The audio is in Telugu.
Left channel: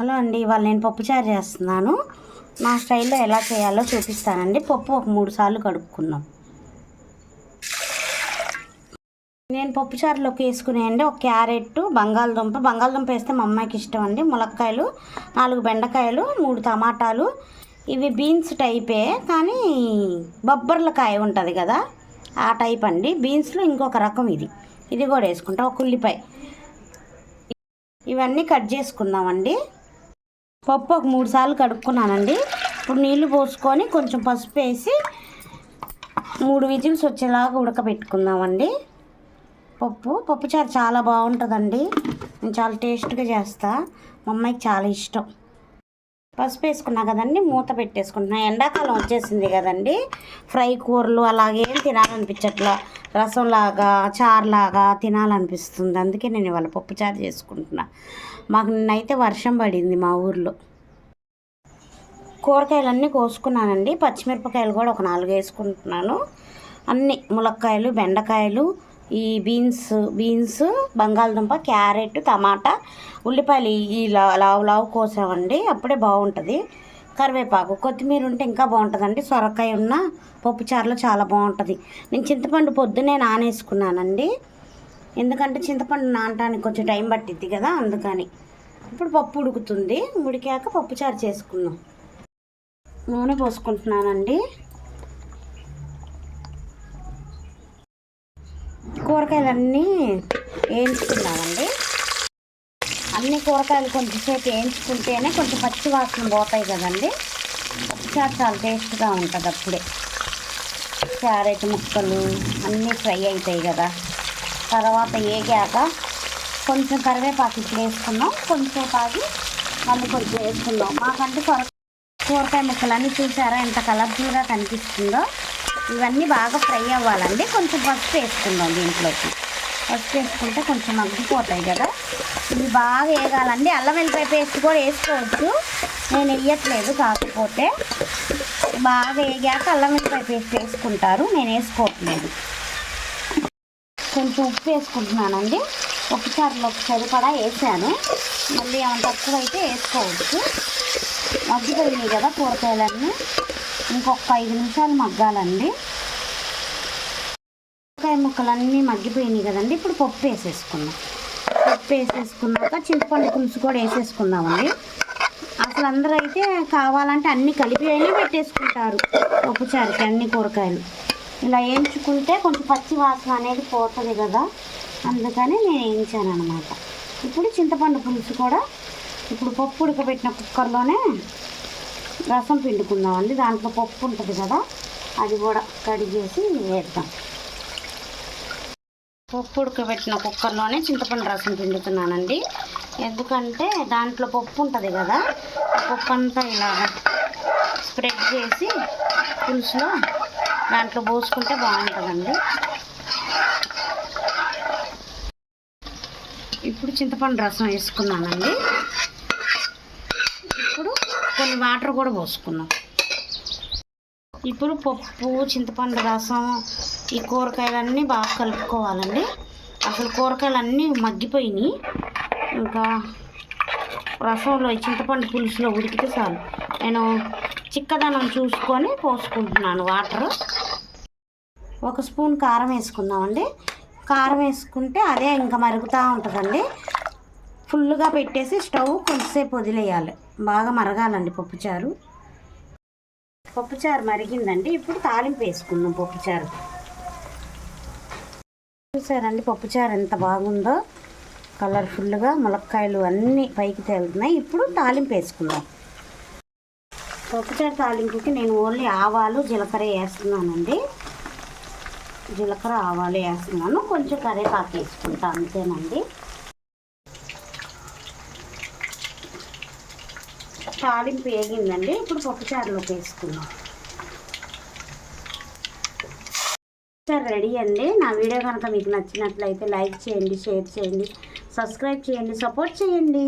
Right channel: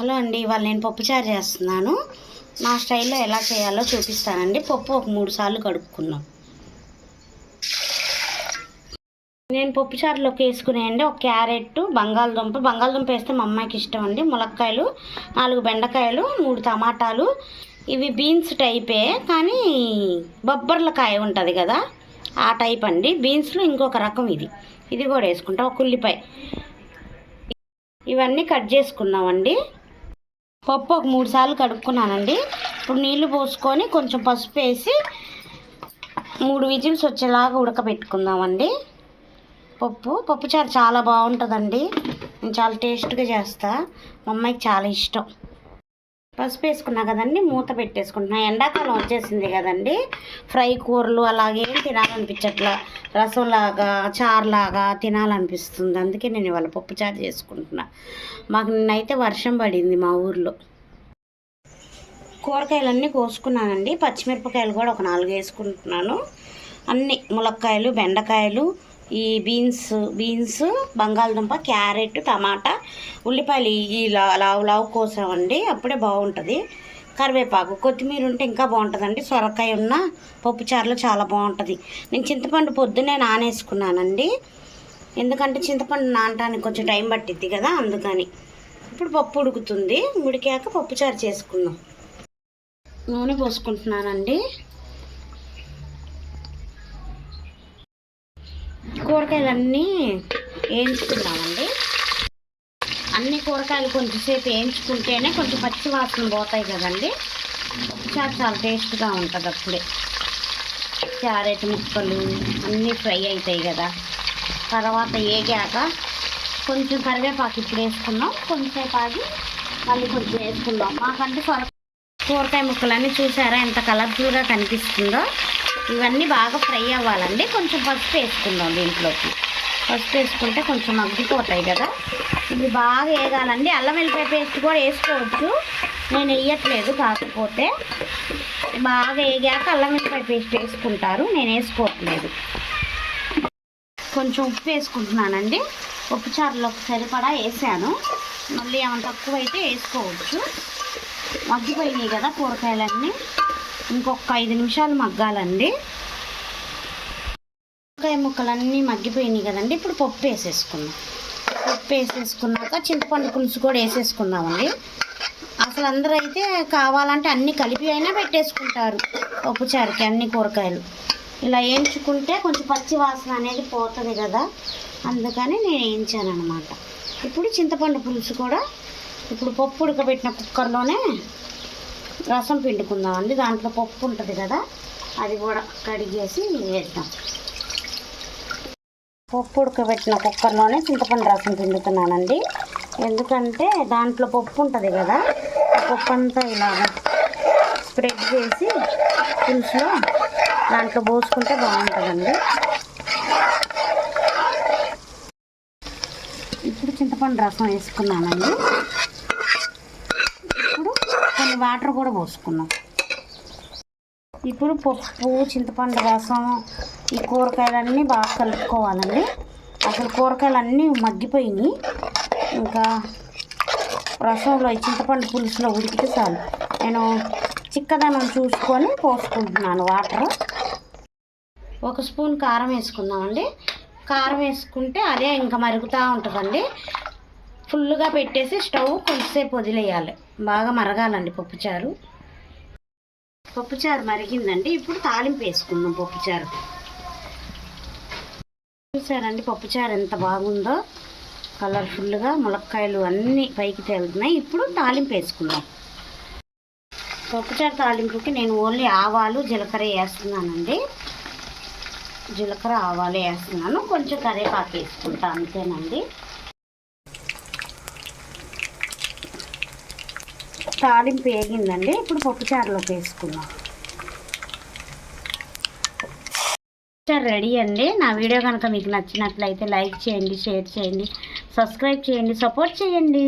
హలో అండి, ఇవాళ నేను పప్పుచారు చేస్తున్నాను. నా స్టైల్లో ఎలా చేయాలో చూపిస్తానండి. పప్పు ఒక 3 సార్లు కడుక్కున్నాం. నేను పప్పుచారులోకి వేసుకునేయండి ఒక క్యారెట్, బంగాళదుంప వేస్తే మా అమ్మాయికి ఇష్టం అండి, ములక్కాయలు, 4 బెండకాయలు, 3 టమాటాలు. ఇవి బీన్స్ టైపే కానీ బొబ్బర్లకాయ ఉంటుంది కదా, ఆ టైప్ అండి. బీన్స్లో ఇంకొక రకం ఇది కూడా వేసుకుంటాం. ఒక ఉల్లిపాయ, ఇవన్నీ కట్ చేసుకున్నామండి. పప్పు ఒక 3 సార్లు కడుక్కున్నానండి. ఇప్పుడు నీళ్లు పోసుకొని కొంచెం పసుపు వేసి 3 విజిల్స్ వచ్చేలాగా ఉడకబెట్టుకుందామండి. పప్పుచారు చాలా బాగుంటుందండి. నేను చాలా టేస్ట్గా చేస్తా, మా అమ్మాయికి చాలా ఇష్టం. పసుపు వేసుకున్నా కదండి, మూత పెట్టేసుకుంటున్నా. ఎండాకాలం వచ్చేసింది కదండి, ఫ్రై కూరలు అలాగేం తినాలనిపించట్లా, రసంలాగా చారులాగా తినాలనిపిస్తుంది. అందుకే నేను ఇవాళ పప్పుచారు చేసుకుంటున్నా. మాకు నిన్నైతే వర్షం పడింది మా ఊర్లో. కూరగాయలన్నీ కోసుకున్నానండి. పచ్చిమిరపకాయలు కూడా ఒక 4 వేసుకుంటున్నాను. అన్ని ములక్కాయలు, బెండకాయలు, ఈ బీన్స్, బంగాళదుంప, క్యారెట్, టమాటా, ఉల్లిపాయలు ఈ లావు కోసామండి, అప్పుడే బాగుంటుంది. కరివేపాకు, కొత్తిమీర ఉంటే ఇంకా బాగుంటుందండి. సొరకాయ ఉన్న పప్పుచారులో చాలా బాగుంటుంది. నేను చింతపండు పొద్దున్నే నానేసుకున్నానండి, ఎందుకంటే చింతపండు నానటానికి కొంచెం టైం పట్టిద్ది కదా, అందుకని. ఇప్పుడు పప్పు ఉడుకుతుంది, ఉడికాక పప్పుచారు చేసుకుందాం. నూనె పోసుకుంటున్నానండి. కూరగాయలన్నీ వేయించుకున్నామండి. అన్ని కూరగాయలు కొంచెంసేపు వేయించుకుంటేనే కొంచెం పచ్చి వాసన పోతాయి కదండి, పప్పుచారు చాలా టేస్ట్గా ఉంటుంది. అప్పుడే క్యారెట్ ముక్కలు అన్నీ ఫ్రై అవుతాయి కదా. తర్వాత ఏగాక కొంచెం కరివేపాకు ఇప్పుడు వేసుకున్నాం, కొంచెంసేపు ఆగి మళ్ళీ కొంచెం వేసుకున్నాం. మాకంటే కూరగాయ ముక్కలన్నీ చూసారా ఎంత కలర్ఫుల్గా కనిపిస్తుందో. ఇవన్నీ బాగా ఫ్రై అవ్వాలండి. కొంచెం పసుపు వేసుకుందాం దీంట్లోకి. పసుపు వేసుకుంటే కొంచెం మగ్గిపోతాయి కదా. ఇవి బాగా వేగాలండి. అల్లం వెల్లిపాయ పేస్ట్ కూడా వేసుకోవచ్చు, నేను వేయట్లేదు. కాకపోతే బాగా వేగాక అల్లం వెల్లిపాయ పేస్ట్ వేసుకుంటారు, నేను వేసుకోవట్లేదు. కొంచెం ఉప్పు వేసుకుంటున్నానండి. పప్పుచారులోకి సరిపడా వేసాను, మళ్ళీ ఏమైనా తక్కువ అయితే వేసుకోవచ్చు. మగ్గిపోయినాయి కదా కూరగాయలన్నీ, ఇంకొక 5 నిమిషాలు మగ్గాలండి. కూరగాయ ముక్కలన్నీ మగ్గిపోయినాయి కదండి. ఇప్పుడు పప్పు వేసేసుకున్నాం. పప్పు వేసేసుకున్నాక చింతపండు పులుసు కూడా వేసేసుకున్నామండి. అసలు అందరూ అయితే కావాలంటే అన్నీ కలిపి అయినా పెట్టేసుకుంటారు పప్పుచారుకి. అన్ని కూరగాయలు ఇలా వేయించుకుంటే కొంచెం పచ్చి వాసన అనేది పోతుంది కదా, అందుకని నేను వేయించాను అనమాట. ఇప్పుడు చింతపండు పులుసు కూడా ఇప్పుడు పప్పు ఉడకబెట్టిన కుక్కర్లోనే రసం పిండుకుందామండి. దాంట్లో పప్పు ఉంటుంది కదా, అది కూడా కడిగేసి వేద్దాం. పప్పు ఉడకబెట్టిన కుక్కర్లోనే చింతపండు రసం పిండుతున్నానండి. ఎందుకంటే దాంట్లో పప్పు ఉంటుంది కదా, ఆ పప్పు అంతా ఇలాగా స్ప్రెడ్ చేసి పులుసులో దాంట్లో పోసుకుంటే బాగుంటుందండి. ఇప్పుడు చింతపండు రసం వేసుకున్నానండి. ఇప్పుడు కొన్ని వాటర్ కూడా పోసుకున్నాం. ఇప్పుడు పప్పు, చింతపండు రసం, ఈ కూరగాయలన్నీ బాగా కలుపుకోవాలండి. అసలు కూరగాయలన్నీ మగ్గిపోయినాయి, ఇంకా రసంలో చింతపండు పులుసులో ఉడికితే చాలు. నేను చిక్కదనం చూసుకొని పోసుకుంటున్నాను వాటర్. 1 స్పూన్ కారం వేసుకుందామండి. కారం వేసుకుంటే అదే ఇంకా మరుగుతూ ఉంటుందండి. ఫుల్గా పెట్టేసి స్టవ్ కొంచెంసేపు వదిలేయాలి, బాగా మరగాలండి పప్పుచారు. పప్పుచారు మరిగిందండి. ఇప్పుడు తాలింపు వేసుకుందాం పప్పుచారు. చూసారండి పప్పుచారు ఎంత బాగుందో, కలర్ఫుల్గా ములక్కాయలు అన్నీ పైకి తేలుతున్నాయి. ఇప్పుడు తాలింపు వేసుకుందాం. పప్పుచారు తాలింపుకి నేను ఓన్లీ ఆవాలు, జీలకర్ర వేస్తున్నానండి. జీలకర్ర, ఆవాలు వేస్తున్నాను, కొంచెం కరివేపాకు వేసుకుంటా, అంతేనండి. తాలింపు వేగిందండి. ఇప్పుడు పప్పుచారులోకి వేసుకుందాం. పప్పుచారు రెడీ అండి. నా వీడియో కనుక మీకు నచ్చినట్లయితే లైక్ చేయండి, షేర్ చేయండి, సబ్స్క్రైబ్ చేయండి, సపోర్ట్ చేయండి.